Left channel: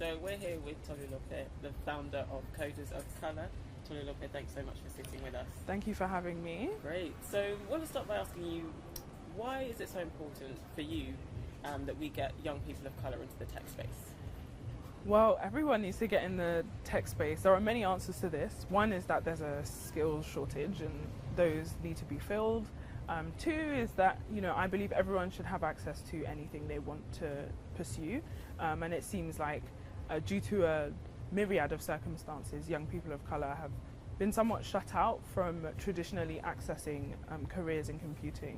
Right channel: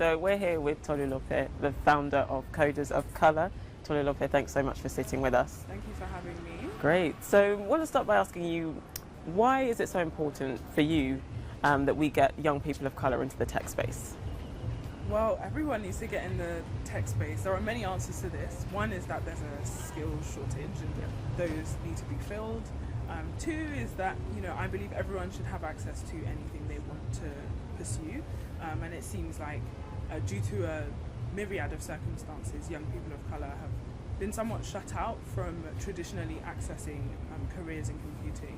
So we're here with Tolúlope, the founder of Coders of Colour. Tolúlope, thanks so much for sitting with us. Thank you for having me. Great. So I want to start by asking you, why is it so important for you that we get young people of colour into the tech space? Well, everyone needs to get in the tech space. There are many answers to this. One is that there's a skills shortage and those need to be filled. Two is that, I believe everyone should have access to anything they want to pursue. And it seems like due to a myriad of circumstances, young people of colour have been somewhat shut out from traditionally accessing careers in computing.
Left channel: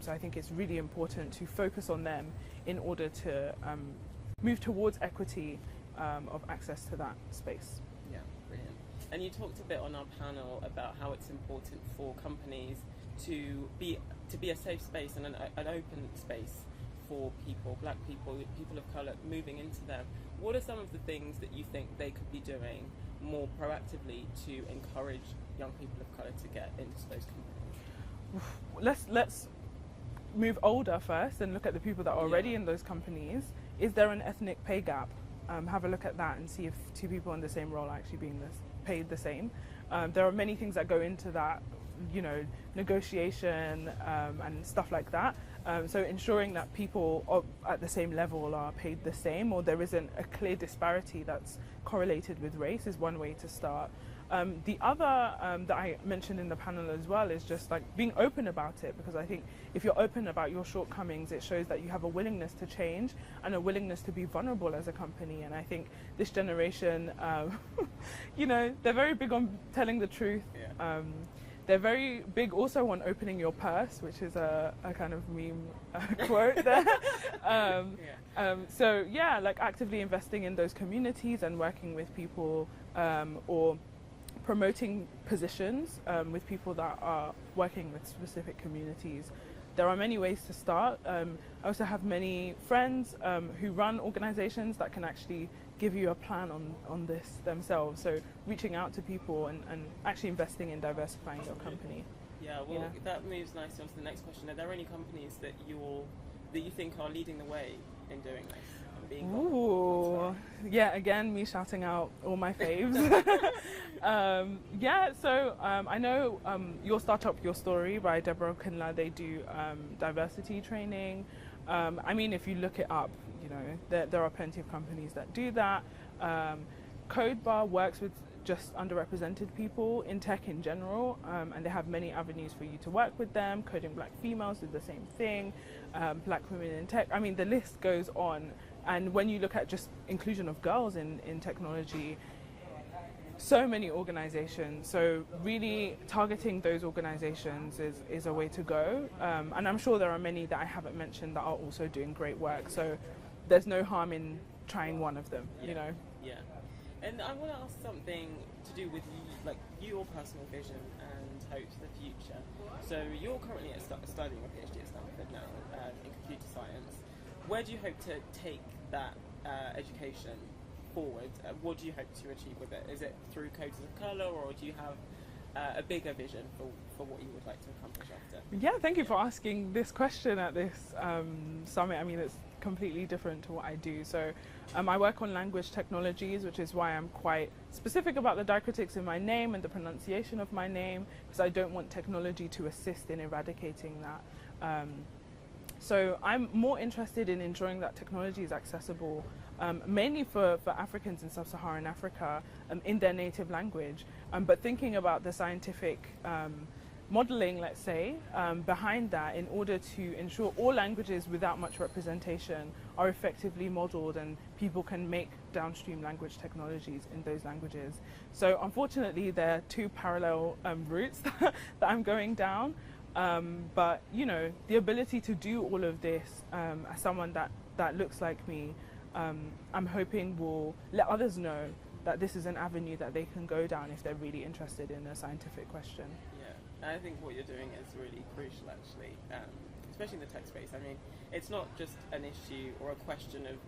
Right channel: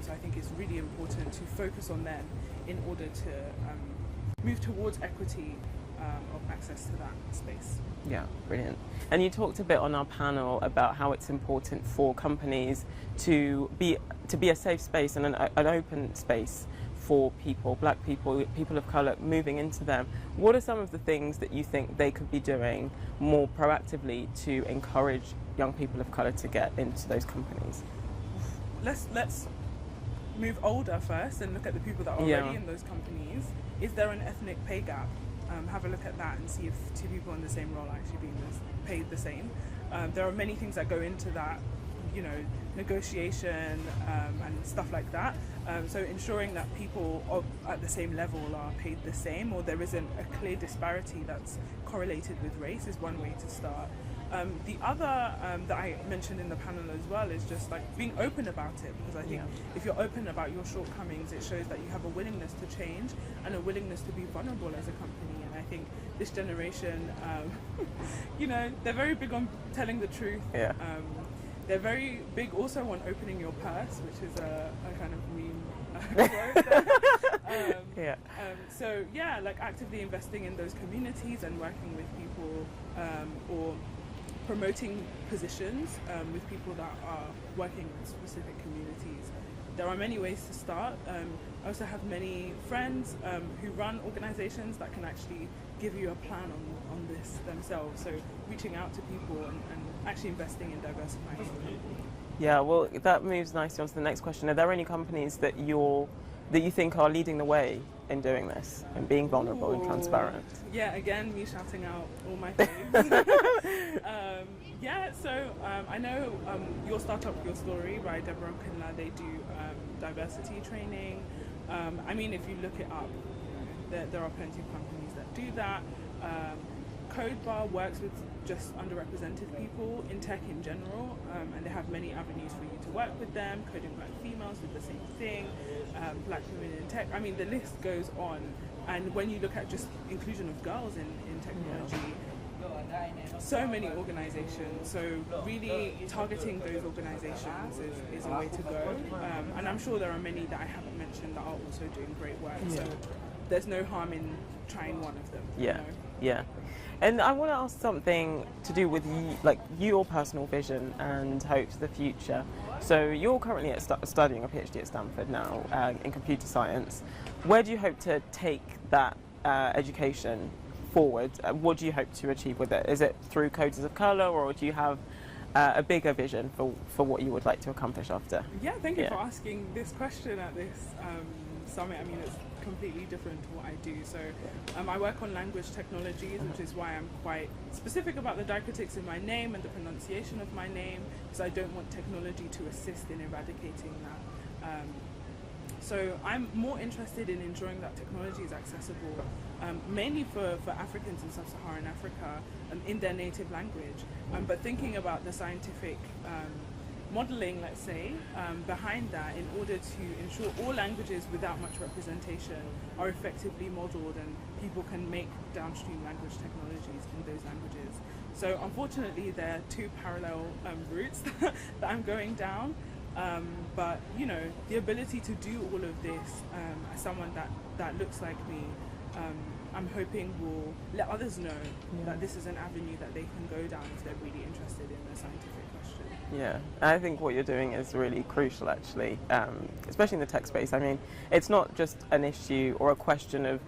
So I think it's really important to focus on them in order to move towards equity of access to that space. Yeah, brilliant. And you talked a bit on our panel about how it's important for companies to be a safe space and an open space for people, black people, people of colour moving into them. What are some of the things that you think they could be doing more proactively to encourage young people of colour to get into those companies? Let's move older first and look at the people that are already in those companies. Is there an ethnic pay gap? Have a look at that and see if two people in the same role are actually being paid the same. There are many things that go into that, negotiation and stuff like that. So ensuring that people at the same level are paid the same, or there isn't a clear disparity that's correlated with race, is one way to start. The other that I mentioned in the panel as well is just like being open about it, because I think if you're open about your shortcomings, it shows that you have a willingness to change and a willingness to be vulnerable as a company. And I think this generation, they're very big on telling the truth. They're very big also on opening your purse, which is a kind of meme quote there. So like actively investing in those communities and working with people or promoting positions with people that are working with specific communities. There are many ways to start. I also have many friends who run organizations that can actually give you a plan on this themselves. So reaching out to people and actually investing in diversifying your company. Yeah, well, that moves nicely on to the next question. Are there any companies that you think are leading the way in doing this and being vulnerable and transparent? Yeah, again, me shouting out all my faves. I know Your Startup, Your Story by Deborah Kinla, they do diversity training. If you look it up, there are plenty of companies that do that. CodeBar works with just underrepresented people in tech in general, and they have many avenues for you to work with them. Coding Black Females do the same thing, Black Women in Tech. The list goes on. And when you look at just inclusion of girls in technology, so many organizations. So really targeting those organizations is a way to go. And I'm sure there are many that I haven't mentioned that are also doing great work. So there's no harm in trying one of them. Yeah. And I want to ask something to do with your personal vision and hopes for the future. So you're currently studying a PhD at Stanford now in computer science. Where do you hope to take that education forward? What do you hope to achieve with it? Is it through Coders of Colour, or do you have a bigger vision for what you would like to accomplish after? Yeah, thank you for asking this question at this summit. It's completely different to what I do. So I work on language technologies, which is why I'm quite specific about the diacritics in my name and the pronunciation of my name, because I don't want technology to assist in eradicating that. So I'm more interested in ensuring that technology is accessible, mainly for Africans in sub-Saharan Africa in their native language, but thinking about the scientific modeling, let's say, behind that, in order to ensure all languages without much representation are effectively modeled and people can make downstream language technologies in those languages. So unfortunately there are two parallel routes that I'm going down. But the ability to do all of this as someone that looks like me, I'm hoping will let others know that this is an avenue that they can go down if they're really interested in a scientific question. Yeah, I think what you're doing is really crucial, actually, especially in the tech space. It's not just an issue or a question of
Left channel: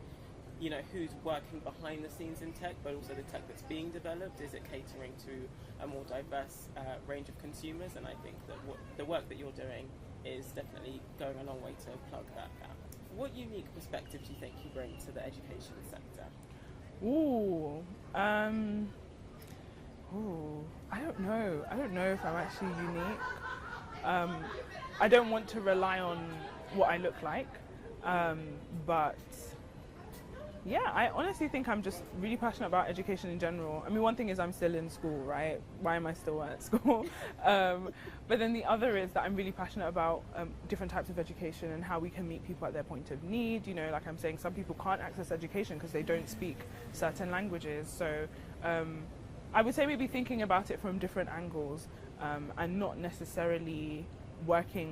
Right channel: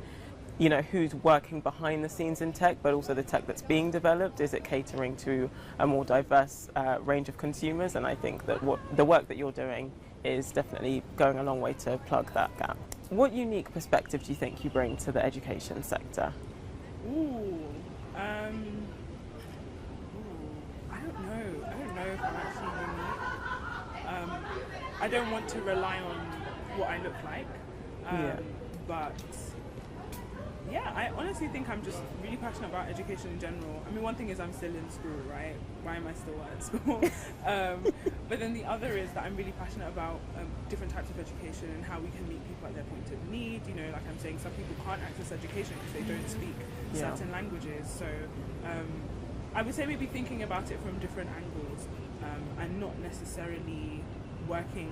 who's working behind the scenes in tech, but also the tech that's being developed. Is it catering to a more diverse range of consumers? And I think that the work that you're doing is definitely going a long way to plug that gap. What unique perspective do you think you bring to the education sector? Ooh. I don't know. I don't know if I'm actually unique. I don't want to rely on what I look like. But yeah, I honestly think I'm just really passionate about education in general. I mean, one thing is I'm still in school, right? Why am I still at school? But then the other is that I'm really passionate about different types of education and how we can meet people at their point of need. You know, like I'm saying, some people can't access education because they don't speak certain languages. So I would say maybe thinking about it from different angles and not necessarily working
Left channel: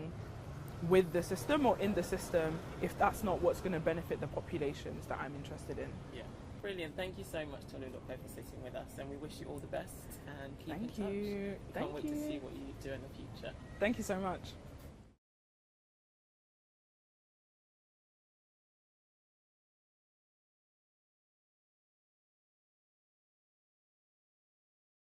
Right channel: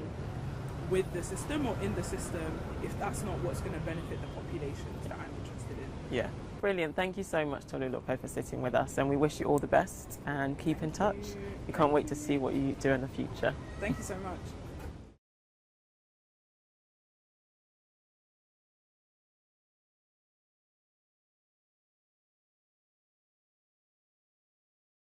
with the system or in the system if that's not what's going to benefit the populations that I'm interested in. Yeah. Brilliant. Thank you so much, Tolúlope, for sitting with us, and we wish you all the best and keep in touch. We can't wait to see what you do in the future. Thank you so much.